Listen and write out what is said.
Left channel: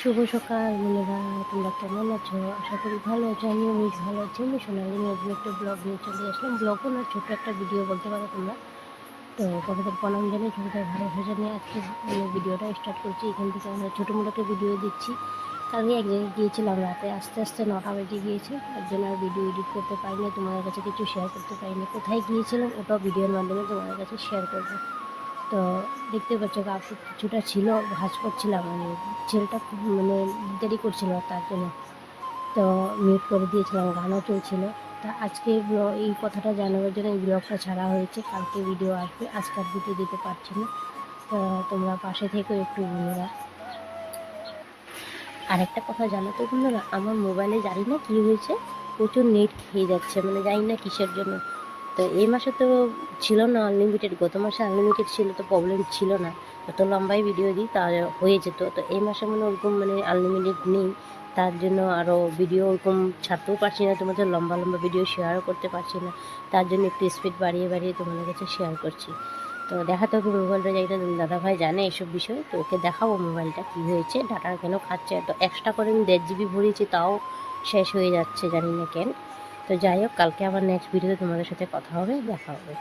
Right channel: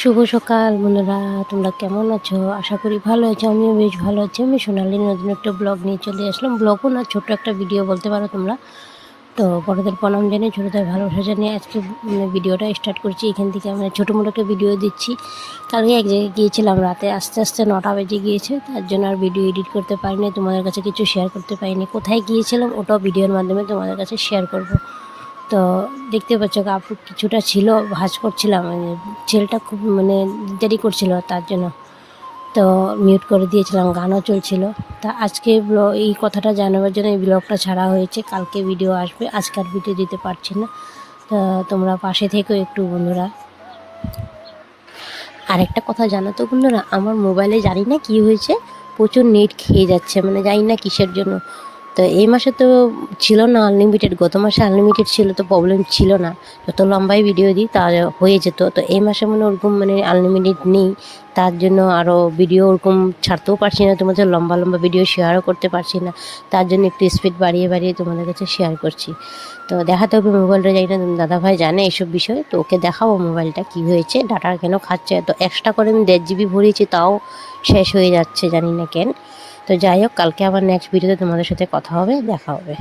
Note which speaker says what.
Speaker 1: শুভ সকাল বন্ধুরা তোমরা কেমন আছো? আশা করি ভালো আছো, আমিও বেশ ভালো আছি। আমি সোনালি, নতুন একটা ব্লগ নিয়ে চলে আসলাম। ব্লগও না, ছোট্ট একটা ভিডিও বলতে পারো তোমরা। তো বড়দের প্রণাম জানিয়ে, ছোটোদের ভালোবাসা জানিয়ে আজকে ভিডিওটা স্টার্ট করছি। এখান থেকে আমরা ছোটো মোটো একটা ভিডিও দিচ্ছি। কালকে এক জায়গায় গিয়েছিলাম রাতে। আস্তে আস্তে নটা বেজে গিয়েছে। তার জন্য আর ভিডিও এডিট করতে পারিনি, তোমাদের কাছে কিছু শেয়ার করতে পারিনি। কোথায় গিয়েছিলাম, ওটাও ভিডিওর মাধ্যমে তোমাদের কাছে শেয়ার করব। তো দেখতে পাচ্ছ কাপড় কিছুটা ছিল, ভাজ করছিলাম মানে ছেলেটা খুব মানে দেরি করছিল তার জন্য। তো মিউট করে দিয়েছিলাম, গানও চলছিল। তা আজকে এই কথাটা জানাবার জন্য এই ব্লগটা ছাড়া হয়েছে, কালকে ভিডিও আসবে আজকাল ভিডিও দিতে পারছি না। তো তোমরা পাশে থেকেও একটু বন্ধুরা। আরেকটা কথা জানো তো বন্ধুরা, আমার মোবাইলে জানি না কী হয়েছে, প্রচুর নেট খেয়ে যাচ্ছে মানে জানি না কিসের জন্য। তো এই মাসে তো ছিল না আনলিমিটেড গত মাসে আনলিমিটেড ছিল তো প্রবলেম ছিল না। যত লম্বাই ভিডিও দিই তা হয়ে যেত। তো এই মাসে মানে ওরকম মানে আনলিমিটেড নেই। তার জন্য আরও ভিডিও ওরকম ছাড়তেও পারছি না, তোমাদের লম্বা লম্বা ভিডিও শেয়ারও করতে পারছি না। তার জন্য একটু স্পিড বাড়িয়ে বাড়িয়ে তোমাদের কাছে শেয়ার করছি। তো দেখাতে হবে মোবাইলটা যাই না দাদাভাই জানে এসব বিষয়ে। তো ওকে দেখাবো মোবাইলটা কী হয়েছে ডাটা কেন খাচ্ছে। তো এক্সট্রা করে আমি দেড় জিবি ভরিয়েছি, তাও শেষ হয়ে যাচ্ছে, জানি না কেন। তো যাই হোক কালকে আবার নেক্সট ভিডিওতে তোমাদের সাথে কথা হবে দেখা হবে।